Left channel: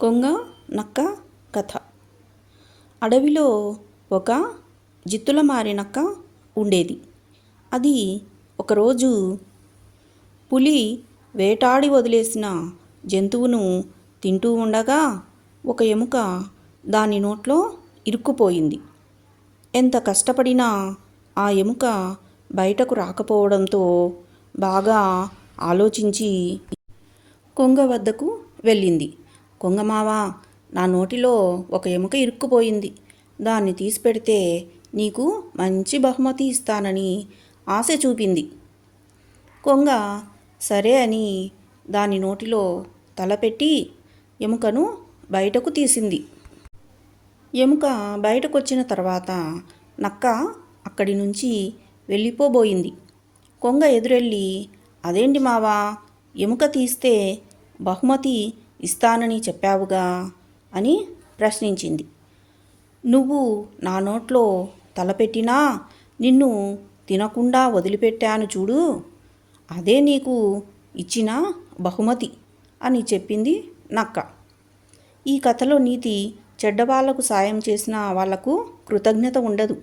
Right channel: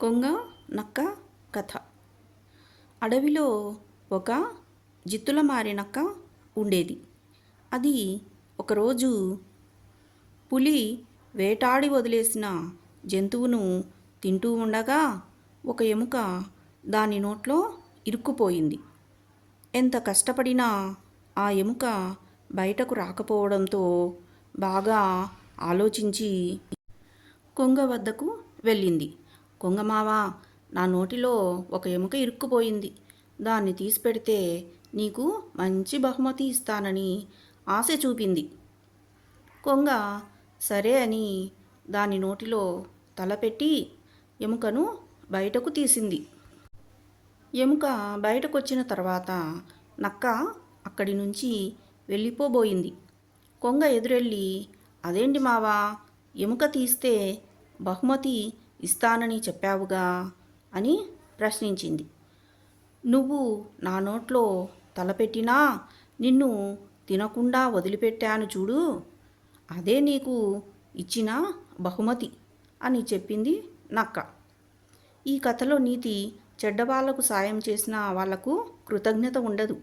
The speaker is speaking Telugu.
కొంగ నక్క కథ. అడవిలో ఒక జిత్తుల మారినక్క ఉండేది. అది ఒకరోజు పులి వేటాడి వదిలేసిన జంతువును తింటూ ఉండగా ఒక ఎముక దాని నోట్లో ఇరుక్కుపోయింది. ఎంత కష్టపడినా ఆ ఎముక బయటకు రాకపోవడంతో బాగా ఆలోచించి కొంగ వద్దకు వెళ్ళింది. కొంగమావా నా నోటిలో ఒక ఎముక ఇరుక్కుపోయింది. దాన్ని తీసి పెడితే నీకు మంచి బహుమతి ఇస్తానని ఆశ చూపింది. కొంగ సరే అని దాని నోటిలో తలపెట్టి ఎముకను బయటకు తీసింది. ఎముక బయటకు వచ్చిన తర్వాత నక్క అక్కడి నుంచి వెళ్ళిపోబోయింది. కొంగ ఎదురెళ్ళి అదేంటి మావా ఎముక తీస్తే బహుమతి ఇస్తానని చెప్పావుగా? అని ప్రశ్నించింది. నువ్వు నా నోట్లో తలపెట్టినా నిన్ను తినకుండా వదిలిపెట్టాను చూడు. అదే నీకు ఇచ్చిన బహుమతి అని చెప్పింది నక్క. ఈ కథలో నీతి చెడ్డవాళ్ళకు సాయం చేసిన వాళ్ళకు కృతజ్ఞత ఉండదు.